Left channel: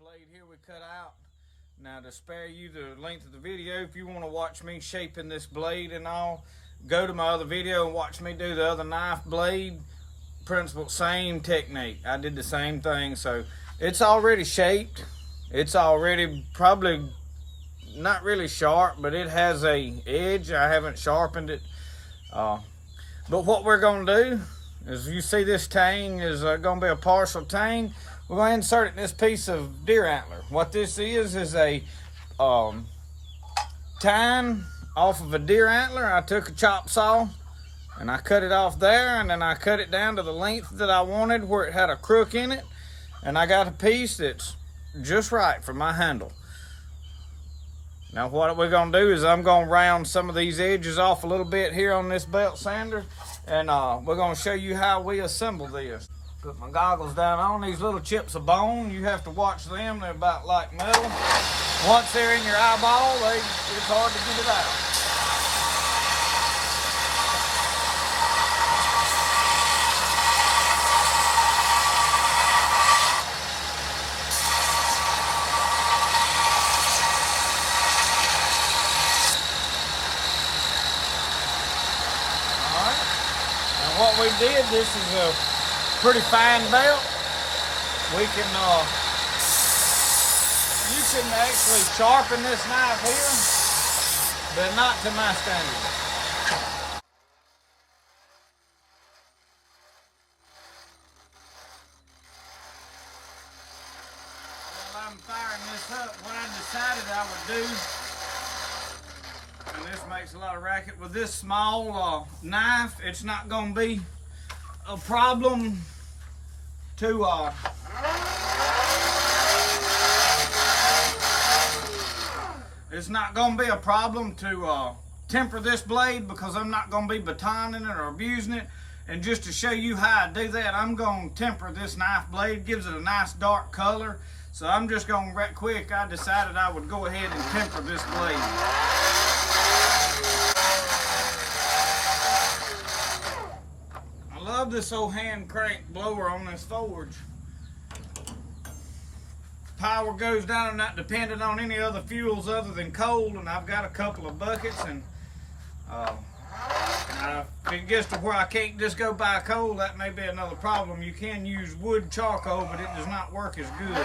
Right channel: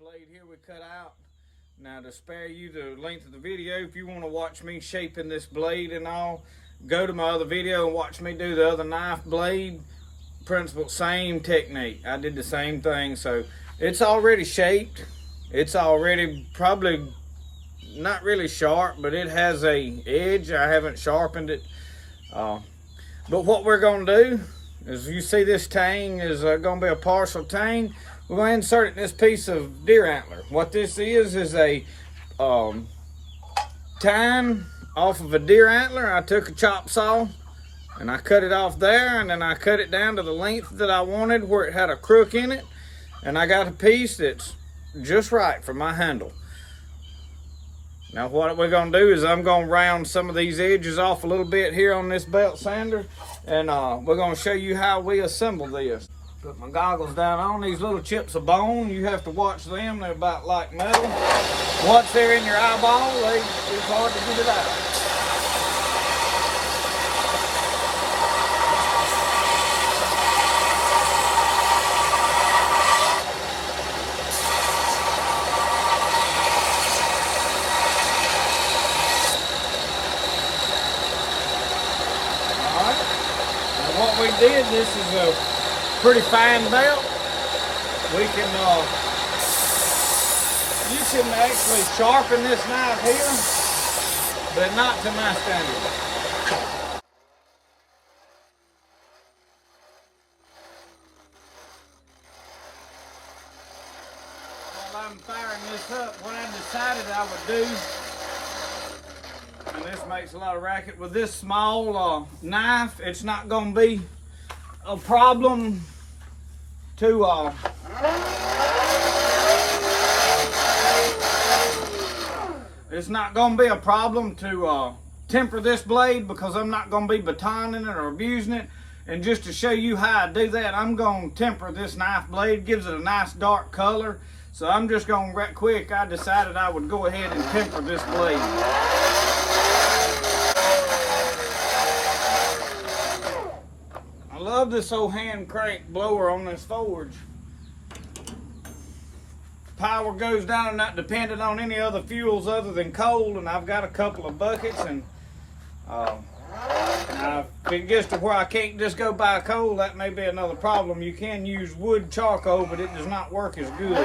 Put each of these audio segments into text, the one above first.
blade here we cut out. Now, to spare you the length of the video, if you want to watch me shaping this blade and all, go to my other video and watch me do the other knife blade principle. Same technique. I did the same thing. So it's already shaped. It's already probably not really sharp, but it has a edge. I haven't sharpened it. But what we're going to do is, you see this tang is going to be a partial tang. We're going to insert it in this piece of deer antler. What this is a tine off of a deer antler. I took a chop saw and I cut it off there, and then I cut it down to the length that I wanted where it had a crook in it, and I got a piece that's just right for my handle. Now what we're going to do is I'm going to round some of these edges off a little bit here on this belt sander, and we're going to show you how we assemble this. Put my goggles down on. These little chips of bone, you have to watch them. They're about like metal. Once they're in your eyeball, it's hard to get it out. All right. Now what we did, this is a pretty fine belt. We can, you can actually sharpen this knife here, but not to my standard. While I'm firing this up, what I decided I would do, and this makes a lot of racket, with this small knife, it's not going to be a problem to it's not going to be a problem to temper this blade, because I'm not going to be batoning it or abusing it. And just to show you how I do that, I'm going to temper this knife blade. Gives it a nice dark color. So I'm just going right quick, I decided I would go ahead and temper this blade. I love this old hand crank blower on this forge. Power goes down. I'm not dependent on any other fuels other than coal, and I've got a couple of buckets, and now if it gets to where I can't just go buy coal, that may be another problem. You can use wood charcoal, but it does not work as good.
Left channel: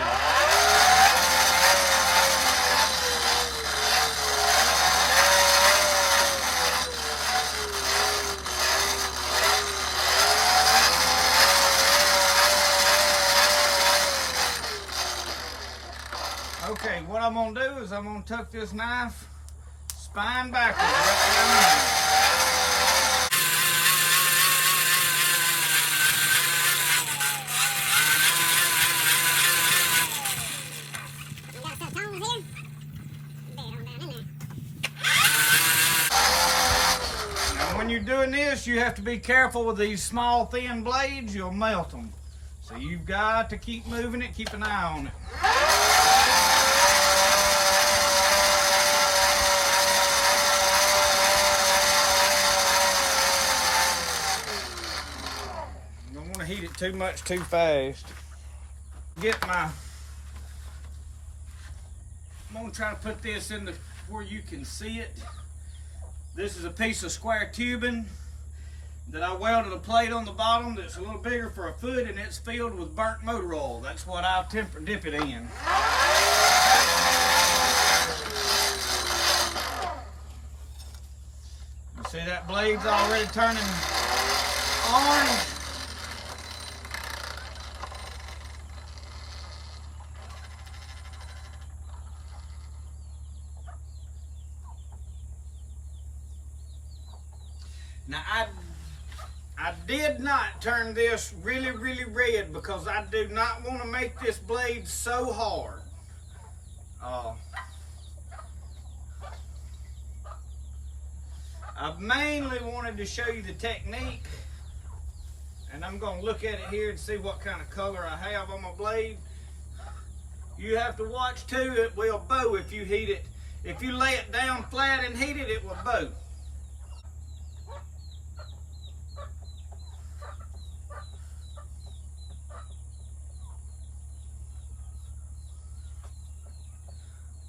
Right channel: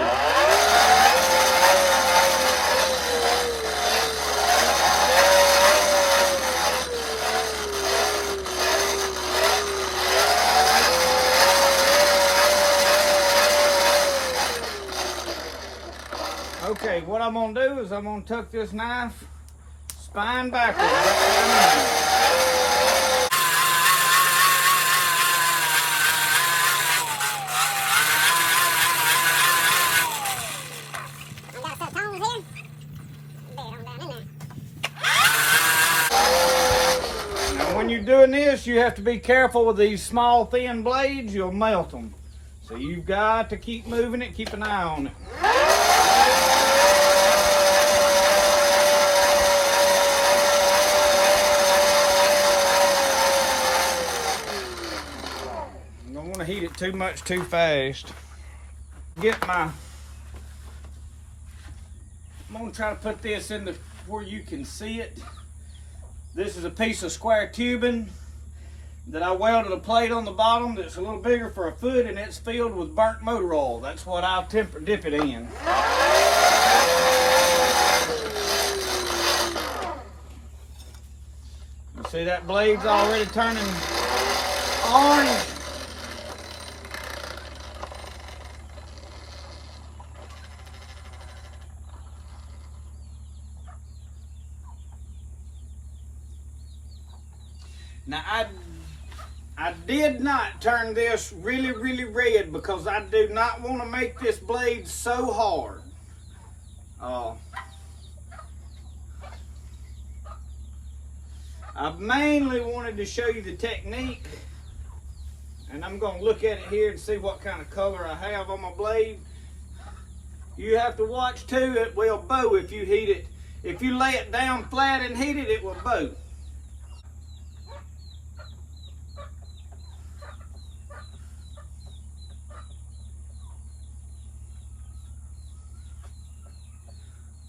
Okay, what I'm going to do is I'm going to tuck this knife spine backwards Now when you're doing this, you have to be careful with these small thin blades. You'll melt them. So you've got to keep moving it, keep an eye on it. Heat it too much too fast. I'm gonna try to put this in where you can see it. This is a piece of square tubing that I welded a plate on the bottom that's a little bigger for a foot, and it's filled with burnt motor oil. That's what I'll dip it in. You see that blade's already turning orange. Now I did not turn this really red, because I do not want to make this blade so hard. I mainly wanted to show you the technique, and I'm going to look at it here and see what kind of color I have on my blade. You have to watch too, it will bow if you heat it. If you lay it down flat and heat it, it will bow.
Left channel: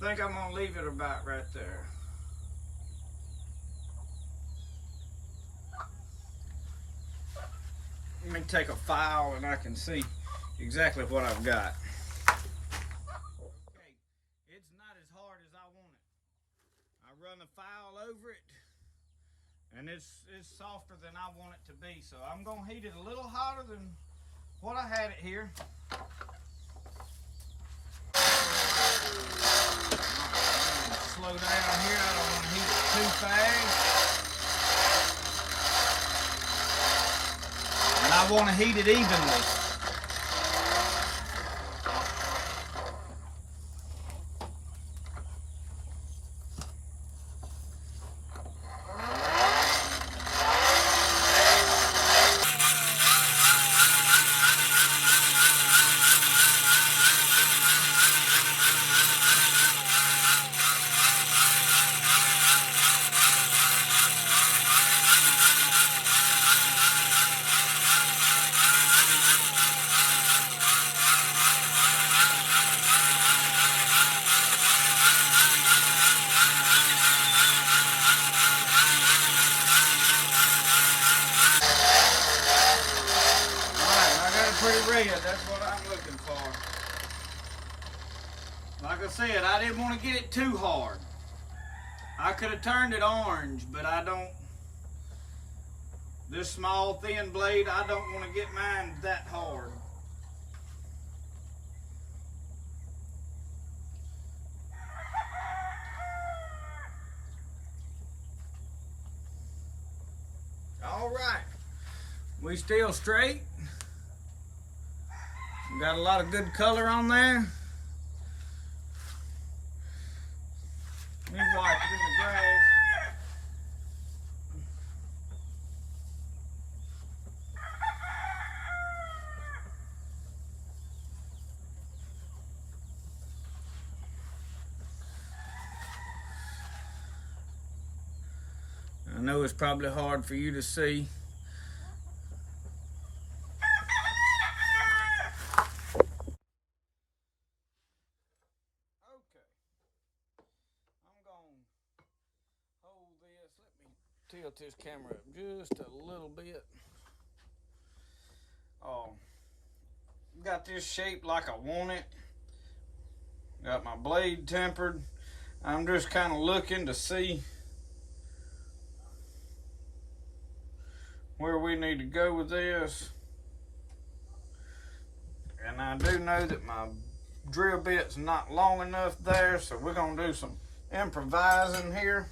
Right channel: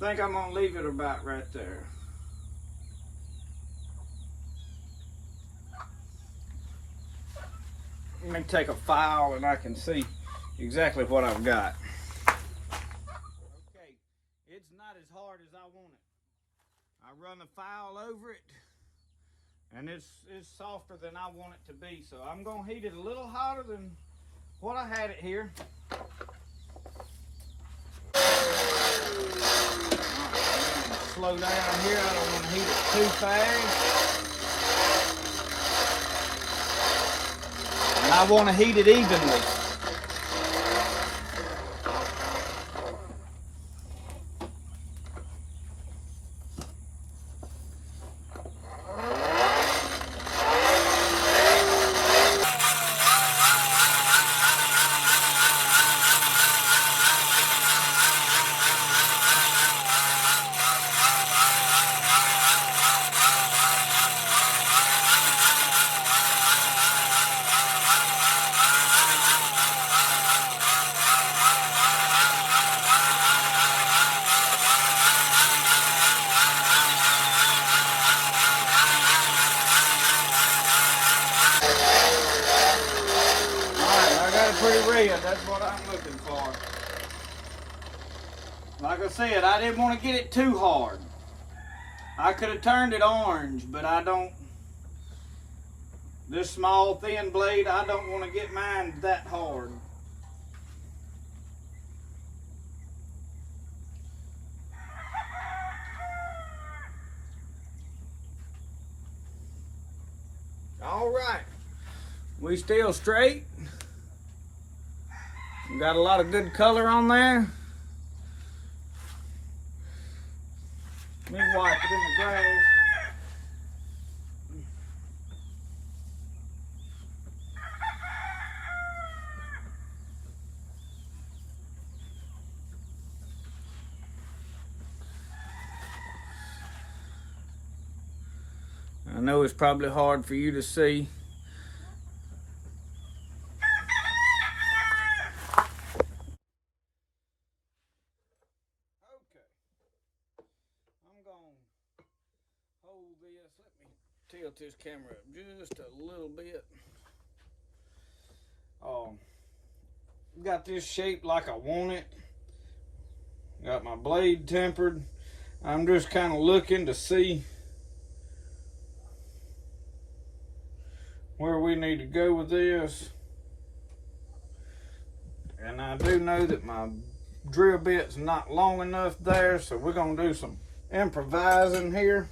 think I'm gonna leave it about right there. Let me take a file and I can see exactly what I've got. Okay, it's not as hard as I want it. I run the file over it, and it's softer than I want it to be. So I'm gonna heat it a little hotter than what I had it here. Slow down here, I don't want to heat it too fast. And I want to heat it evenly. Pretty red, that's what I'm looking for. Like I said, I didn't want to get it too hard. I could have turned it orange, but I don't. This small thin blade, I don't want to get mine that hard. All right, we still straight. Got a lot of good color on there. Let me wipe it in the grass. I know it's probably hard for you to see. Tilt this camera up just a little bit. Got this shaped like I want it. Got my blade tempered. I'm just kind of looking to see where we need to go with this. And I do know that my drill bit's not long enough there, so we're gonna do some improvising here.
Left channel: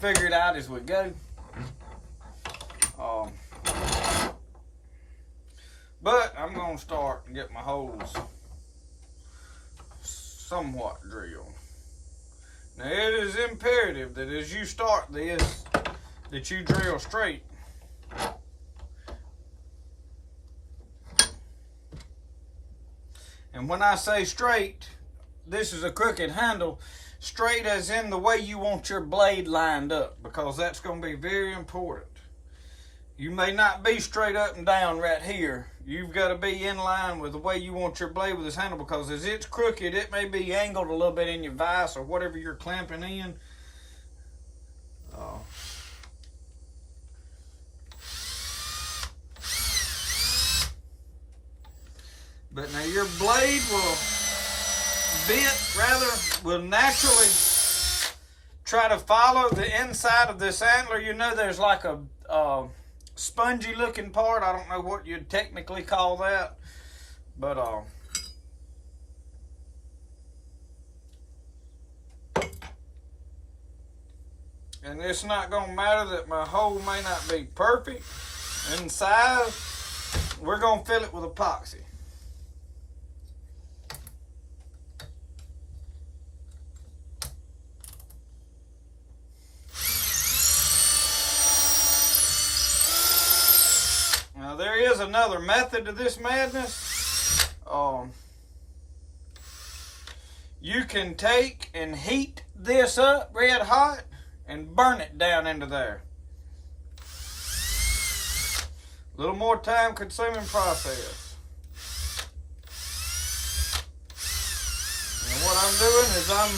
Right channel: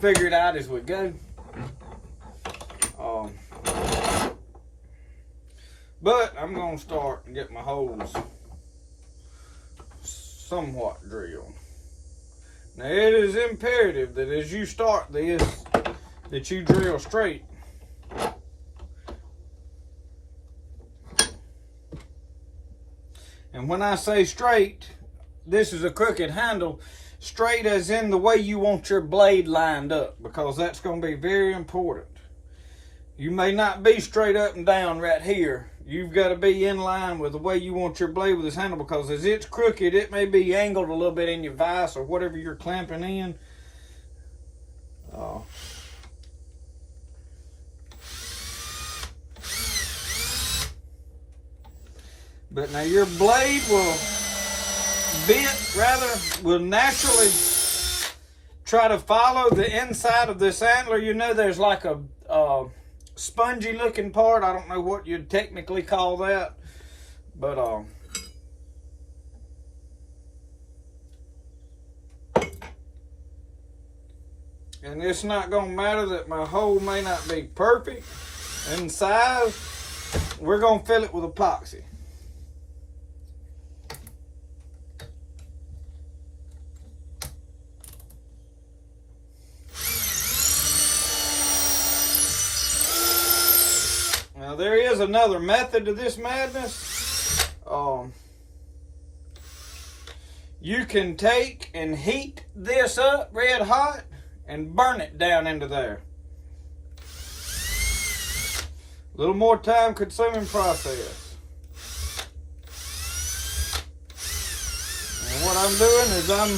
Figure it out as we go. But I'm going to start and get my holes somewhat drilled. Now it is imperative that as you start this, that you drill straight. And when I say straight, this is a crooked handle. Straight as in the way you want your blade lined up, because that's going to be very important. You may not be straight up and down right here. You've got to be in line with the way you want your blade with this handle, because as it's crooked, it may be angled a little bit in your vise or whatever you're clamping in. But now your blade will naturally try to follow the inside of this antler. You know, there's like a spongy looking part. I don't know what you'd technically call that, but and it's not gonna matter that my hole may not be perfect in size. We're gonna fill it with epoxy. Now there is another method to this madness. You can take and heat this up red hot and burn it down into there. A little more time consuming process. what I'm doing is I'm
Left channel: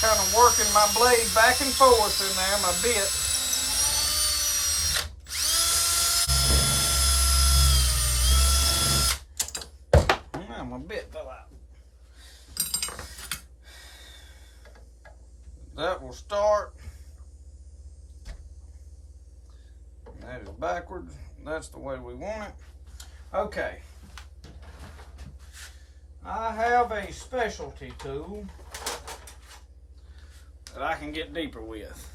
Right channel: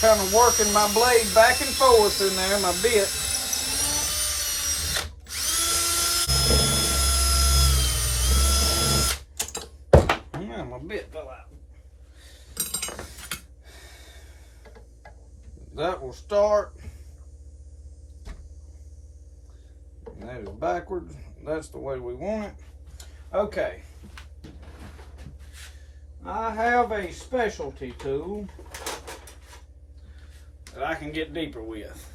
kind of working my blade back and forth in there, my bit. Yeah, my bit fell out. That will start. That is backwards. That's the way we want it. Okay. I have a specialty tool that I can get deeper with.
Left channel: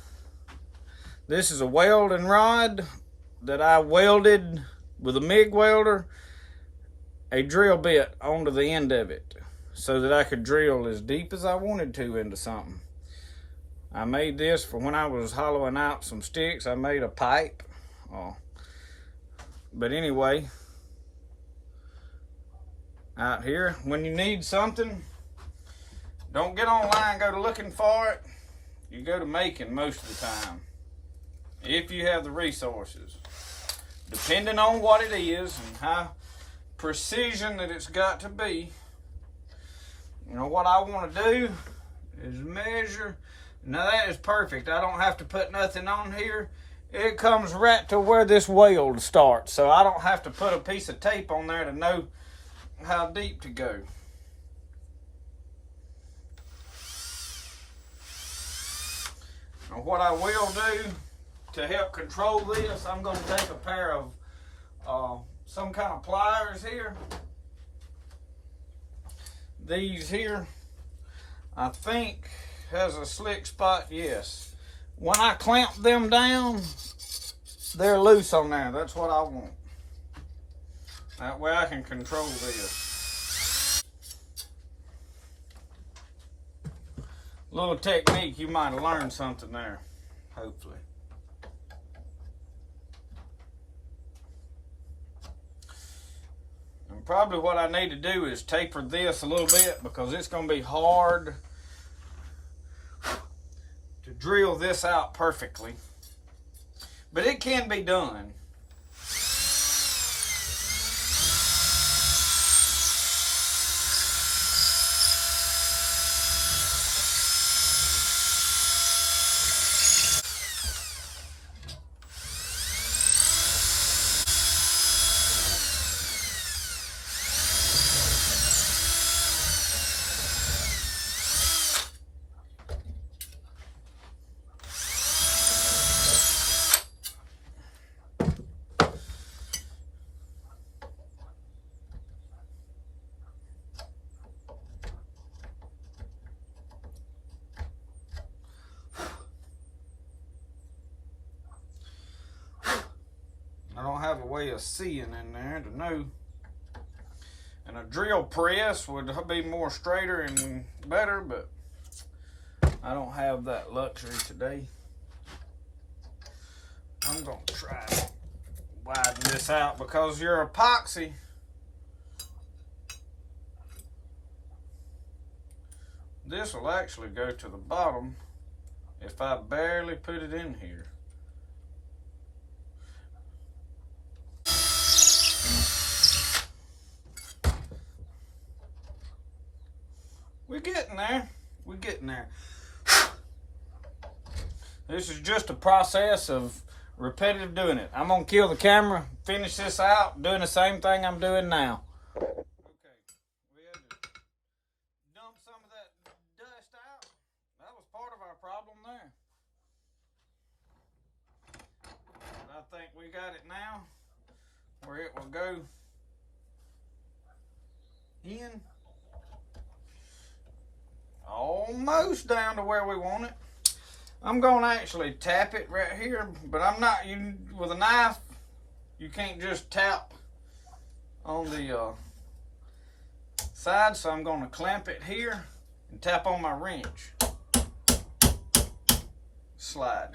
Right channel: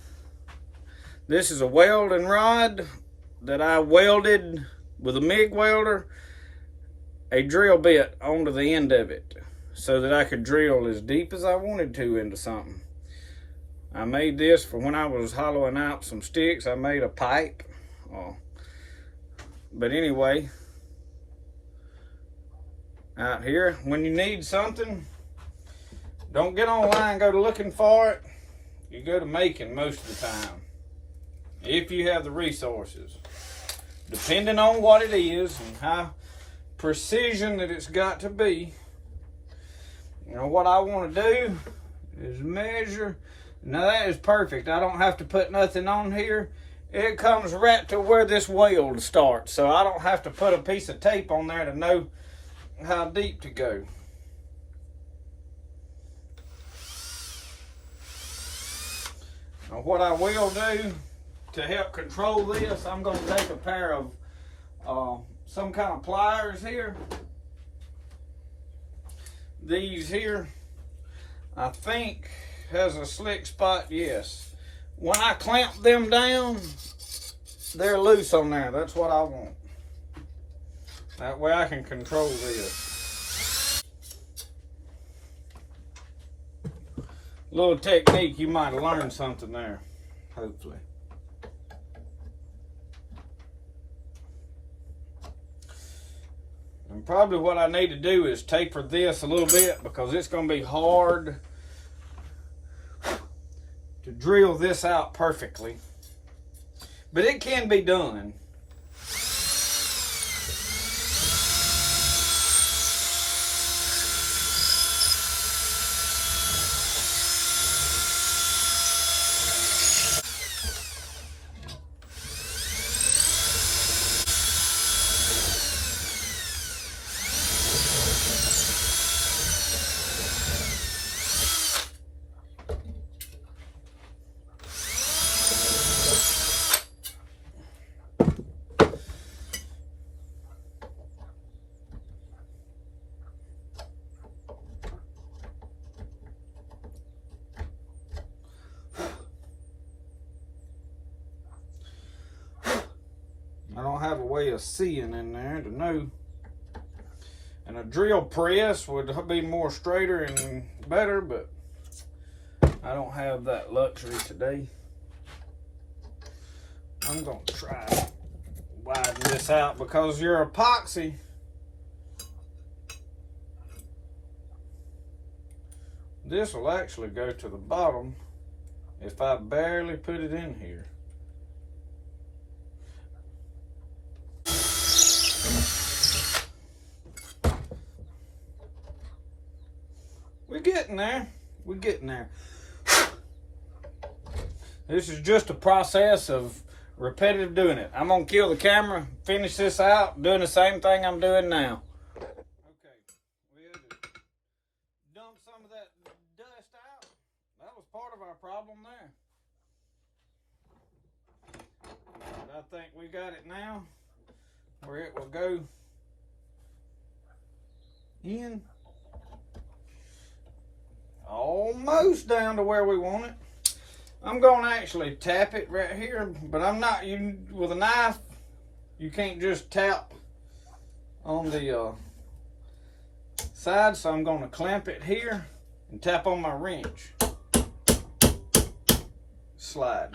This is a welding rod that I welded with a MIG welder a drill bit onto the end of it so that I could drill as deep as I wanted to into something. I made this for when I was hollowing out some sticks. I made a pipe. But anyway, out here, when you need something, don't get online and go to looking for it. You go to making most of the time, if you have the resources, depending on what it is and how precision that it's got to be. You know, what I want to do is measure. Now that is perfect. I don't have to put nothing on here. It comes right to where this weld starts, so I don't have to put a piece of tape on there to know how deep to go. Now what I will do to help control this, I'm going to take a pair of some kind of pliers here. These here, I think, has a slick spot, yes. When I clamp them down, they're loose on there. That's what I want. That way I can control this. Little technique, you might have learned something there, hopefully. And probably what I need to do is taper this a little bit because it's going to be hard to drill this out perfectly. But it can be done. I don't have a way of seeing in there to know. And a drill press would be more straighter and better, but I don't have that luxury today. I'm going to try to widen this out because your epoxy this will actually go to the bottom if I barely put it in here. We're getting there. We're getting there. This is just a process of repetitive doing it. I'm going to kill the camera, finish this out, doing the same thing I'm doing now. Okay, we had to dump some of that dust out. That was part of our problem there. But I think we got it now, where it will go in. Almost down to where we want it. I'm going to actually tap it right here, but I'm not, with a knife, you can't just tap on the side, so I'm going to clamp it here and tap on my wrench. Slide.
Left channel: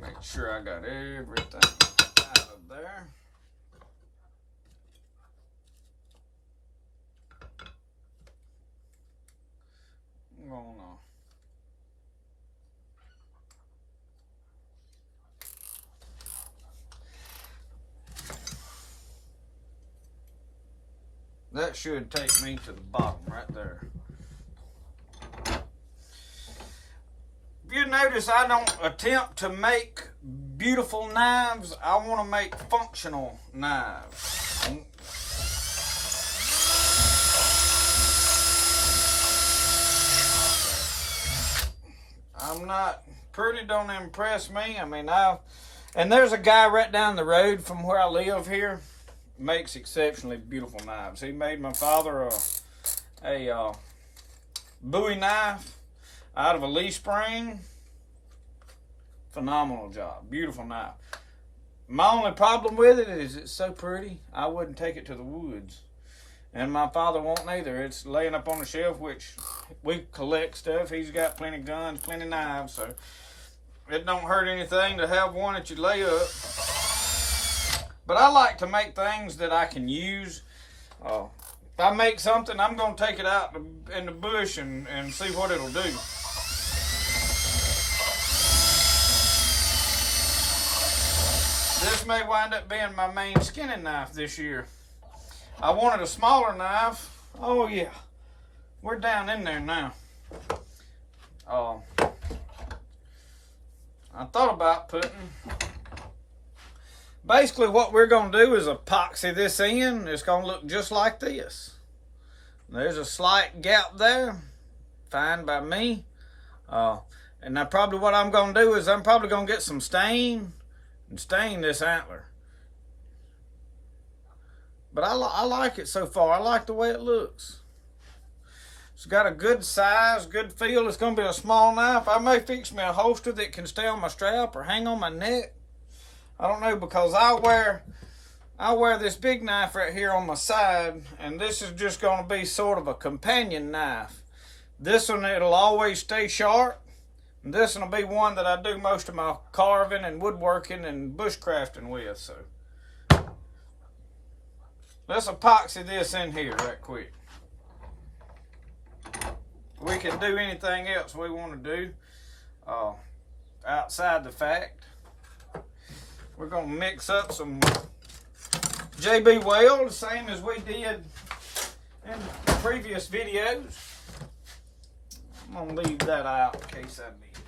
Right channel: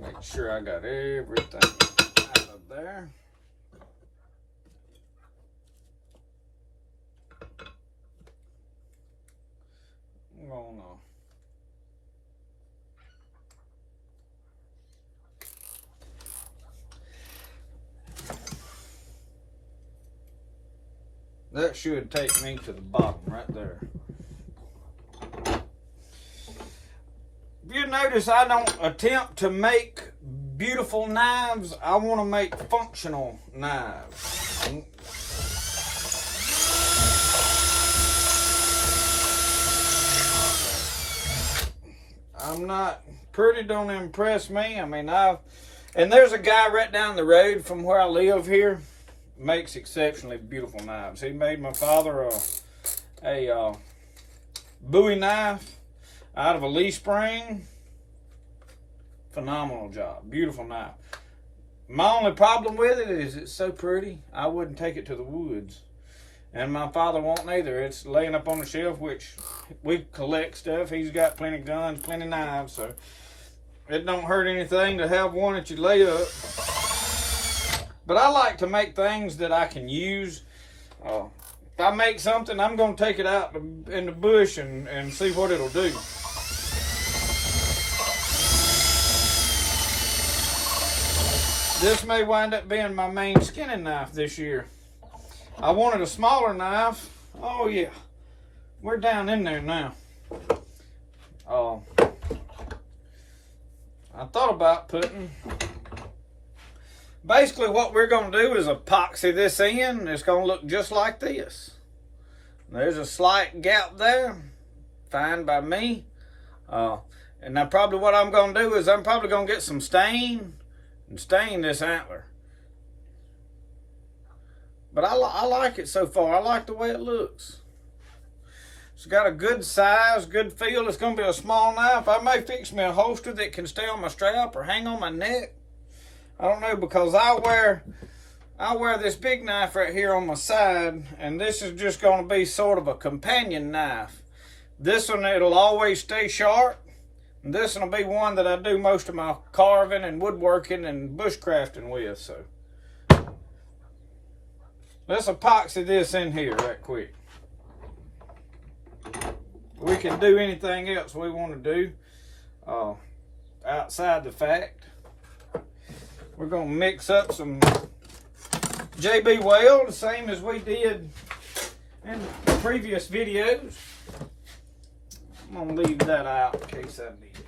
Make sure I got everything out of there. gonna that should take me to the bottom right there. If you notice, I don't attempt to make beautiful knives. I want to make functional knives. I'm not pretty, don't impress me. I mean, and there's a guy right down the road from where I live here, makes exceptionally beautiful knives. He made my father a Bowie knife out of a leaf spring. Phenomenal job, beautiful knife. My only problem with it is it's so pretty, I wouldn't take it to the woods. And my father won't either. It's laying up on the shelf, which we collect stuff. He's got plenty of guns, plenty of knives, so it don't hurt anything to have one that you lay up. But I like to make things that I can use. If I make something, I'm going to take it out in the bush and see what it'll do. This may wind up being my main skinning knife this year. I wanted a smaller knife. Oh yeah, we're down in there now. I thought about putting, basically what we're going to do is epoxy this in. It's going to look just like this. There's a slight gap there, fine by me. And now probably what I'm going to do is I'm probably going to get some stain and stain this antler. But I like it so far. I like the way it looks. It's got a good size, good feel. It's going to be a small knife. I may fix me a holster that can stay on my strap or hang on my neck. I don't know, because I wear this big knife right here on my side, and this is just going to be sort of a companion knife. This one, it'll always stay sharp. And this one will be one that I do most of my carving and woodworking and bushcrafting with. So let's epoxy this in here right quick. We can do anything else we want to do outside the fact. We're going to mix up some JB Weld, the same as we did in the previous videos. I'm going to leave that out in case I need it.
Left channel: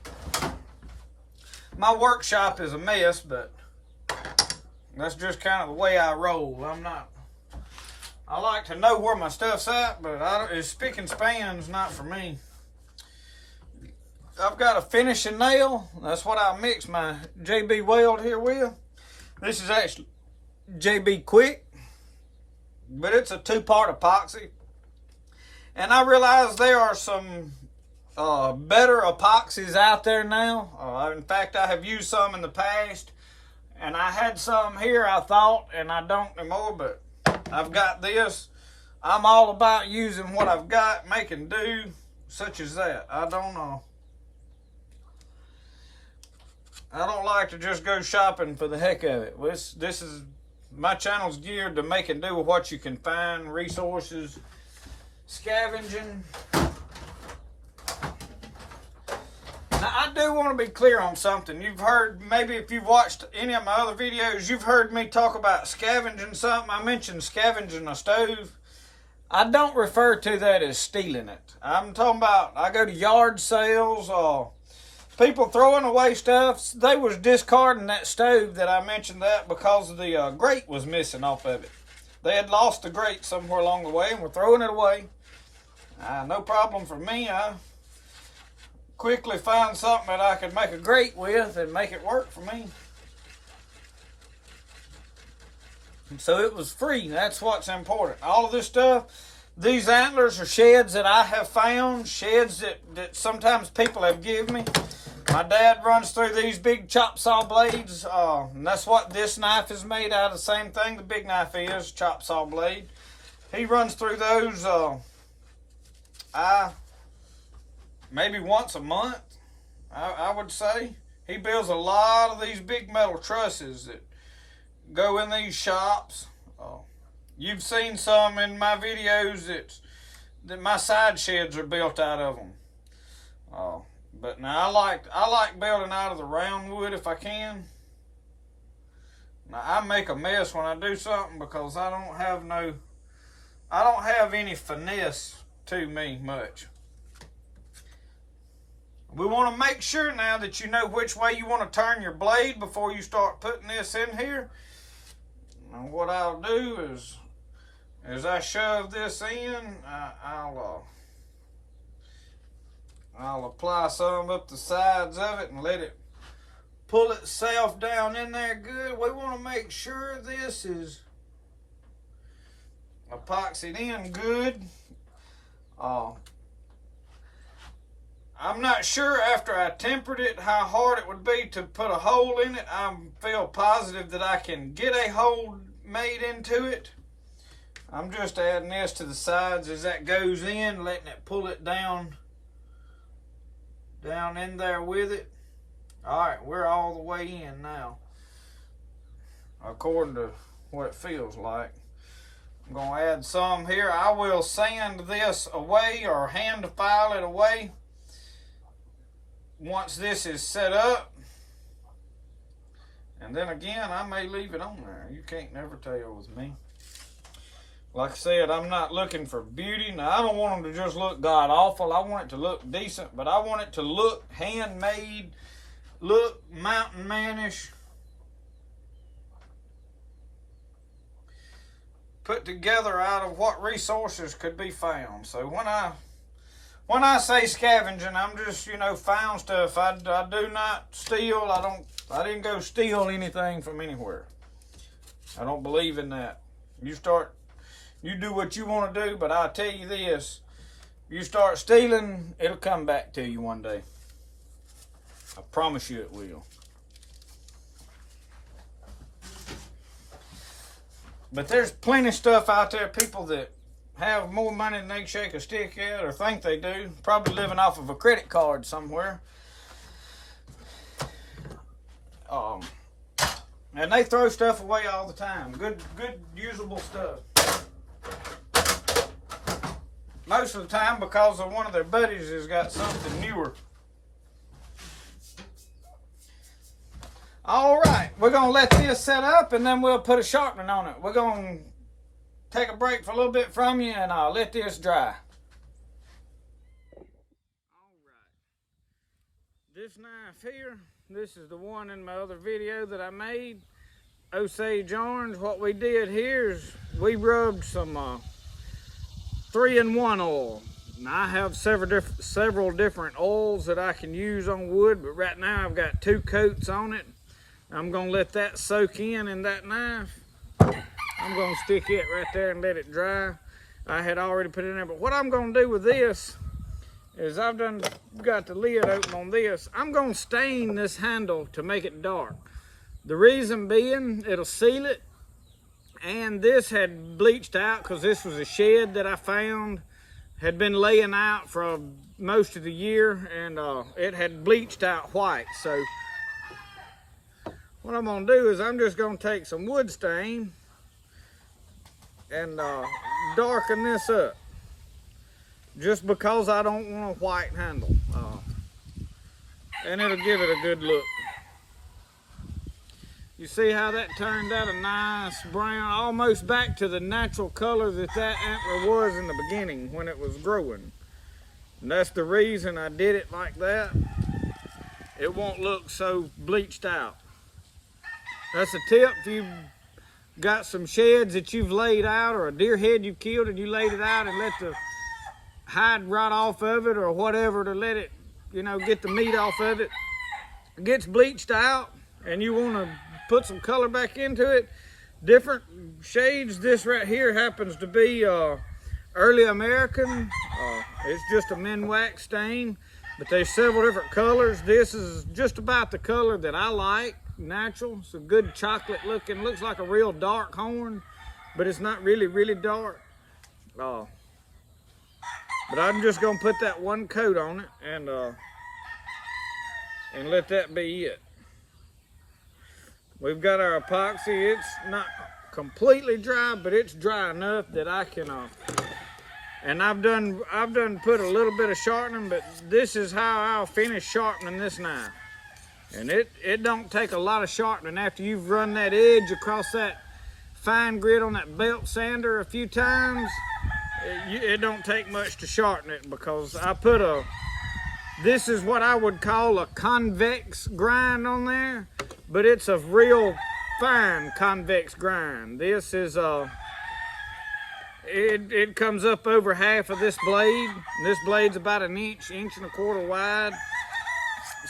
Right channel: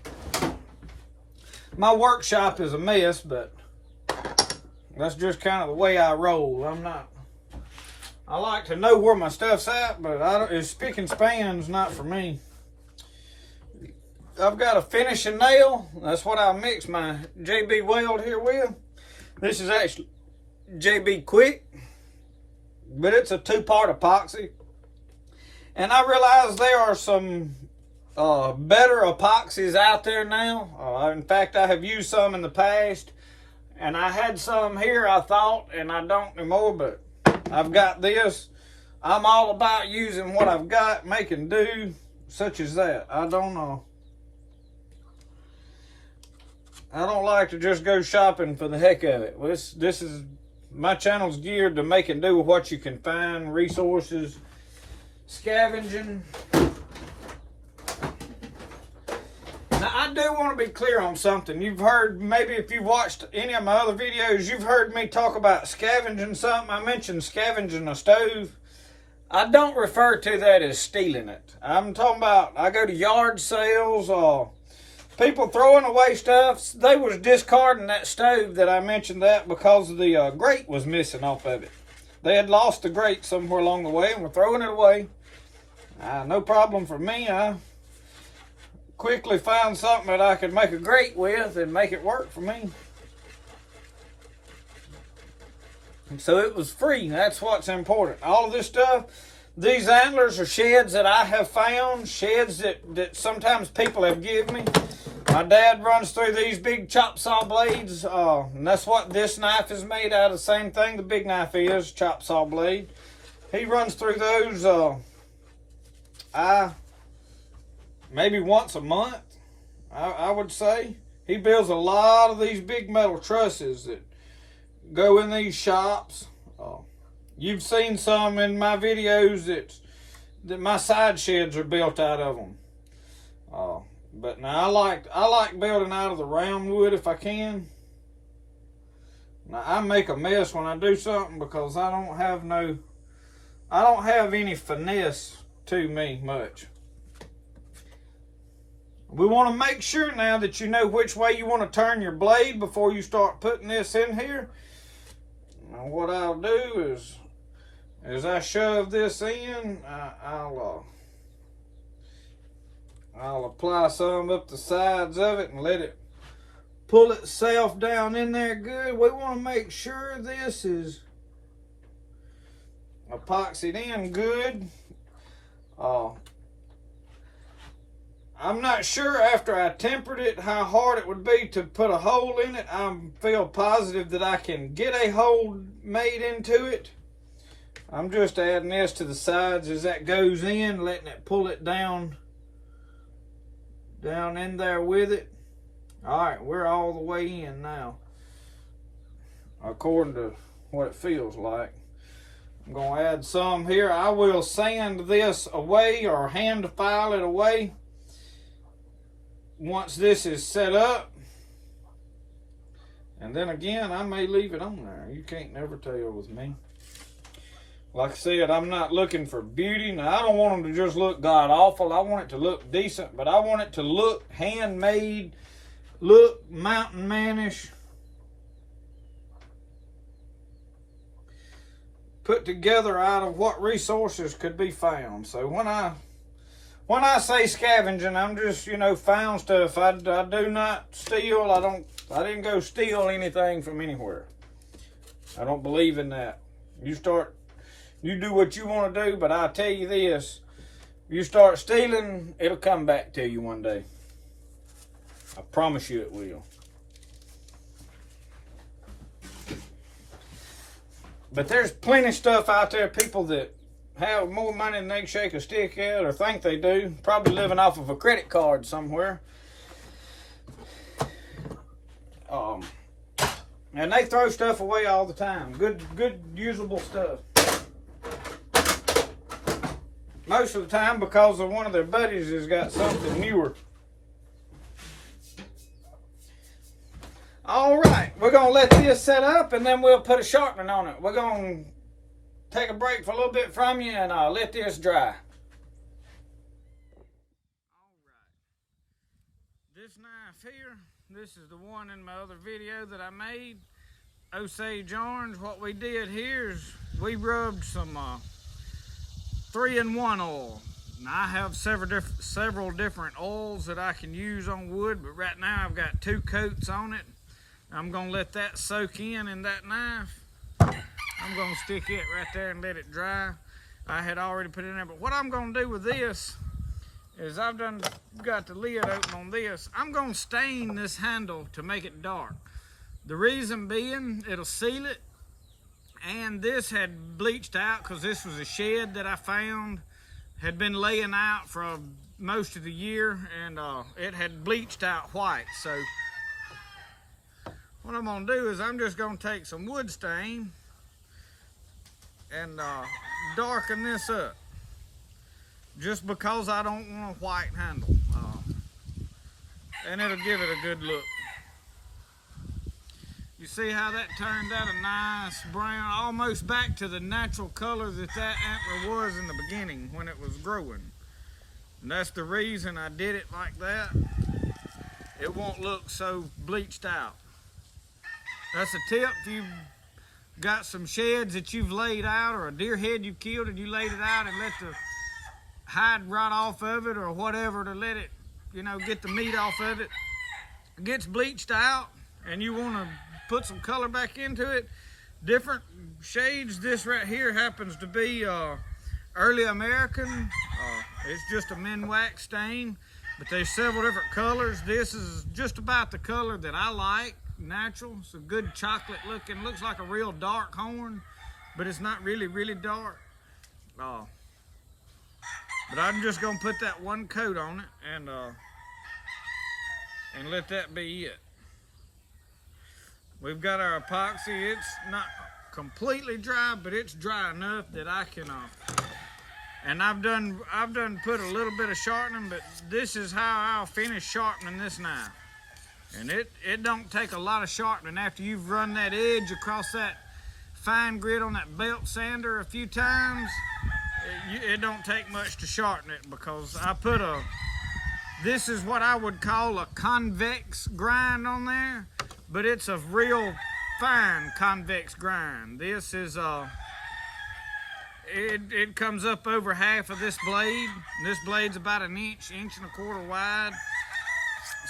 My workshop is a mess, but that's just kind of the way I roll. I like to know where my stuff's at, but it's spick and span's not for me. I've got a finishing nail. That's what I mix my JB Weld here with. This is actually JB Quick, but it's a 2-part epoxy. And I realize there are some better epoxies out there now. In fact, I have used some in the past, and I had some here, I thought, and I don't anymore, but I've got this. I'm all about using what I've got, making do, such as that. I don't know. I don't like to just go shopping for the heck of it. This is, my channel's geared to making do with what you can find, resources, scavenging. Now, I do want to be clear on something. You've heard, maybe if you've watched any of my other videos, you've heard me talk about scavenging something. I mentioned scavenging a stove. I don't refer to that as stealing it. I'm talking about, I go to yard sales, people throwing away stuff. They was discarding that stove that I mentioned that because the grate was missing off of it. They had lost the grate somewhere along the way and were throwing it away. No problem for me. I quickly found something that I could make a grate with and make it work for me. And so it was free. That's what's important. All of this stuff, these antlers are sheds that I have found, sheds that sometimes people have given me. My dad runs through these big chop saw blades, and that's what this knife is made out of. The same thing the big knife is, chop saw blade. He runs through those maybe once a month, I would say. He builds a lot of these big metal trusses that go in these shops. You've seen some in my videos that my side sheds are built out of them. But now I like building out of the round wood if I can. Now I make a mess when I do something because I don't have any finesse to me much. We want to make sure now that you know which way you want to turn your blade before you start putting this in here. And what I'll do is, as I shove this in, I'll apply some up the sides of it and let it pull itself down in there good. We want to make sure this is epoxied in good. I'm not sure after I tempered it how hard it would be to put a hole in it. I feel positive that I can get a hole made into it. I'm just adding this to the sides as that goes in, letting it pull it down in there with it. All right, we're all the way in now, according to what it feels like. I'm gonna add some here. I will sand this away or hand file it away once this is set up. And then again, I may leave it on there. You can't never tell with me. Like I said, I'm not looking for beauty. Now, I don't want them to just look god awful. I want it to look decent, but I want it to look handmade, look mountain manish, put together out of what resources could be found. So when I say scavenging, I'm just, found stuff. I do not steal. I didn't go steal anything from anywhere. I don't believe in that. You do what you want to do, but I'll tell you this, you start stealing, it'll come back to you one day. I promise you it will. But there's plenty of stuff out there, people that have more money than they can shake a stick at, or think they do, probably living off of a credit card somewhere. And they throw stuff away all the time. Good usable stuff. Most of the time because of one of their buddies has got something newer. All right, we're gonna let this set up and then we'll put a sharpening on it. We're gonna take a break for a little bit from you and I'll let this dry. All right, this knife here, this is the one in my other video that I made, Osage Orange. What we did here is we rubbed some 3-in-1 oil. Now I have several different oils that I can use on wood, but right now I've got 2 coats on it. I'm gonna let that soak in that knife. I'm gonna stick it right there and let it dry. I had already put it in there, but what I'm gonna do with this is I've got the lid open on this. I'm gonna stain this handle to make it dark. The reason being, it'll seal it. And this had bleached out because this was a shed that I found, had been laying out for most of the year, and it had bleached out white. So what I'm gonna do is I'm just gonna take some wood stain and darken this up, just because I don't want a white handle, and it'll give it a good look. You see how that turned out a nice brown, almost back to the natural color that antler was in the beginning when it was growing. And that's the reason I did it like that. It won't look so bleached out. That's a tip. If you've got some sheds that you've laid out, or a deer head you killed and you laid it out and let the hide rot off of it or whatever to let it, get the meat off of it, it gets bleached out and you want to put some color back into it, different shades. This right here happens to be early American. It's just a men wax stain, but there's several different colors. This is just about the color that I like, natural. It's a good chocolate looking, looks like a real dark horn, but it's not really dark. But I'm just gonna put that 1 coat on it and let that be it. We've got our epoxy. It's not completely dry, but it's dry enough that I can And I've done put a little bit of sharpening, but this is how I'll finish sharpening this knife. And it don't take a lot of sharpening after you've run that edge across that fine grit on that belt sander a few times. It don't take much to sharpen it, because I put this is what I would call a convex grind on there, but it's a real fine convex grind. This is it comes up over half of this blade. This blade's about an inch and a quarter wide.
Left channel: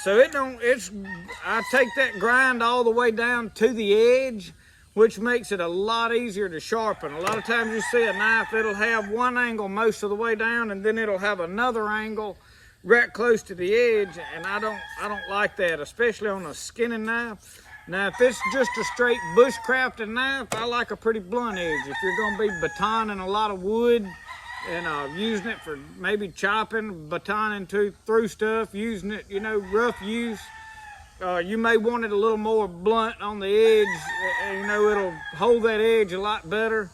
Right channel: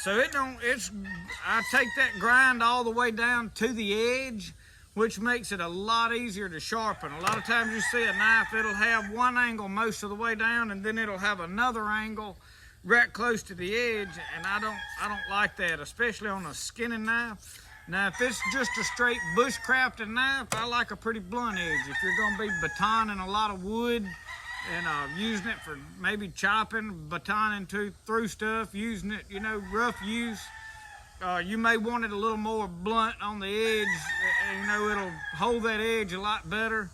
So I take that grind all the way down to the edge, which makes it a lot easier to sharpen. A lot of times you see a knife, it'll have one angle most of the way down, and then it'll have another angle right close to the edge, and I don't like that, especially on a skinning knife. Now, if it's just a straight bushcrafting knife, I like a pretty blunt edge. If you're gonna be batoning a lot of wood and using it for maybe chopping, batoning through stuff, using it, you know, rough use, you may want it a little more blunt on the edge. You know, it'll hold that edge a lot better,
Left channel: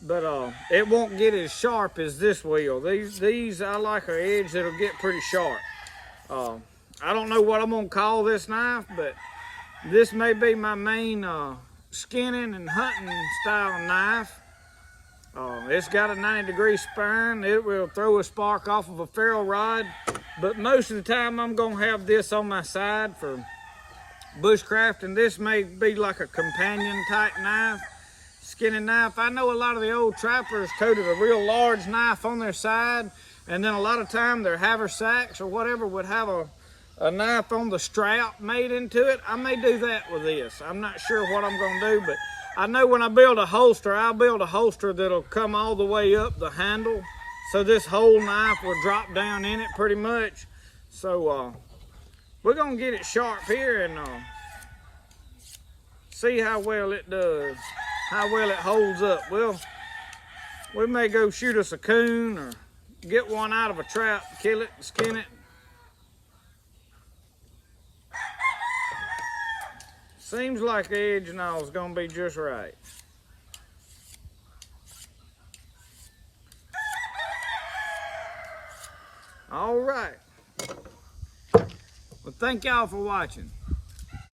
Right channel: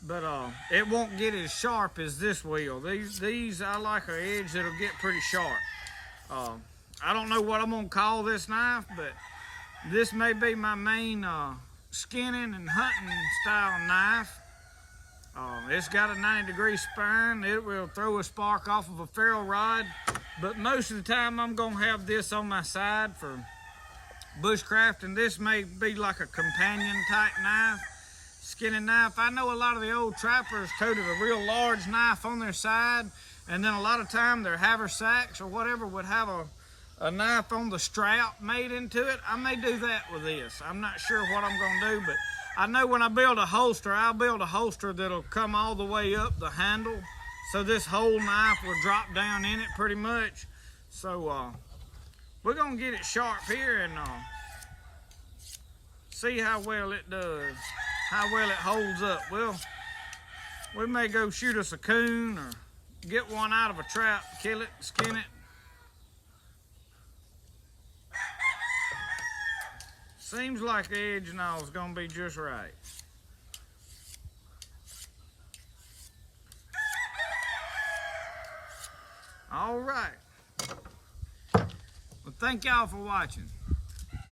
but it won't get as sharp as this will. These I like an edge that'll get pretty sharp. I don't know what I'm gonna call this knife, but this may be my main skinning and hunting style knife. It's got a 90-degree spine. It will throw a spark off of a ferro rod, but most of the time I'm gonna have this on my side for bushcrafting. This may be like a companion type knife, skinning knife. I know a lot of the old trappers toted a real large knife on their side, and then a lot of time their haversacks or whatever would have a knife on the strap made into it. I may do that with this. I'm not sure what I'm gonna do, but I know when I build a holster, I'll build a holster that'll come all the way up the handle, so this whole knife will drop down in it pretty much. So we're gonna get it sharp here and see how well it does, how well it holds up. Well, we may go shoot us a coon or get one out of a trap, kill it, skin it. Seems like the edge and all is gonna be just right. All right. Well, thank y'all for watching.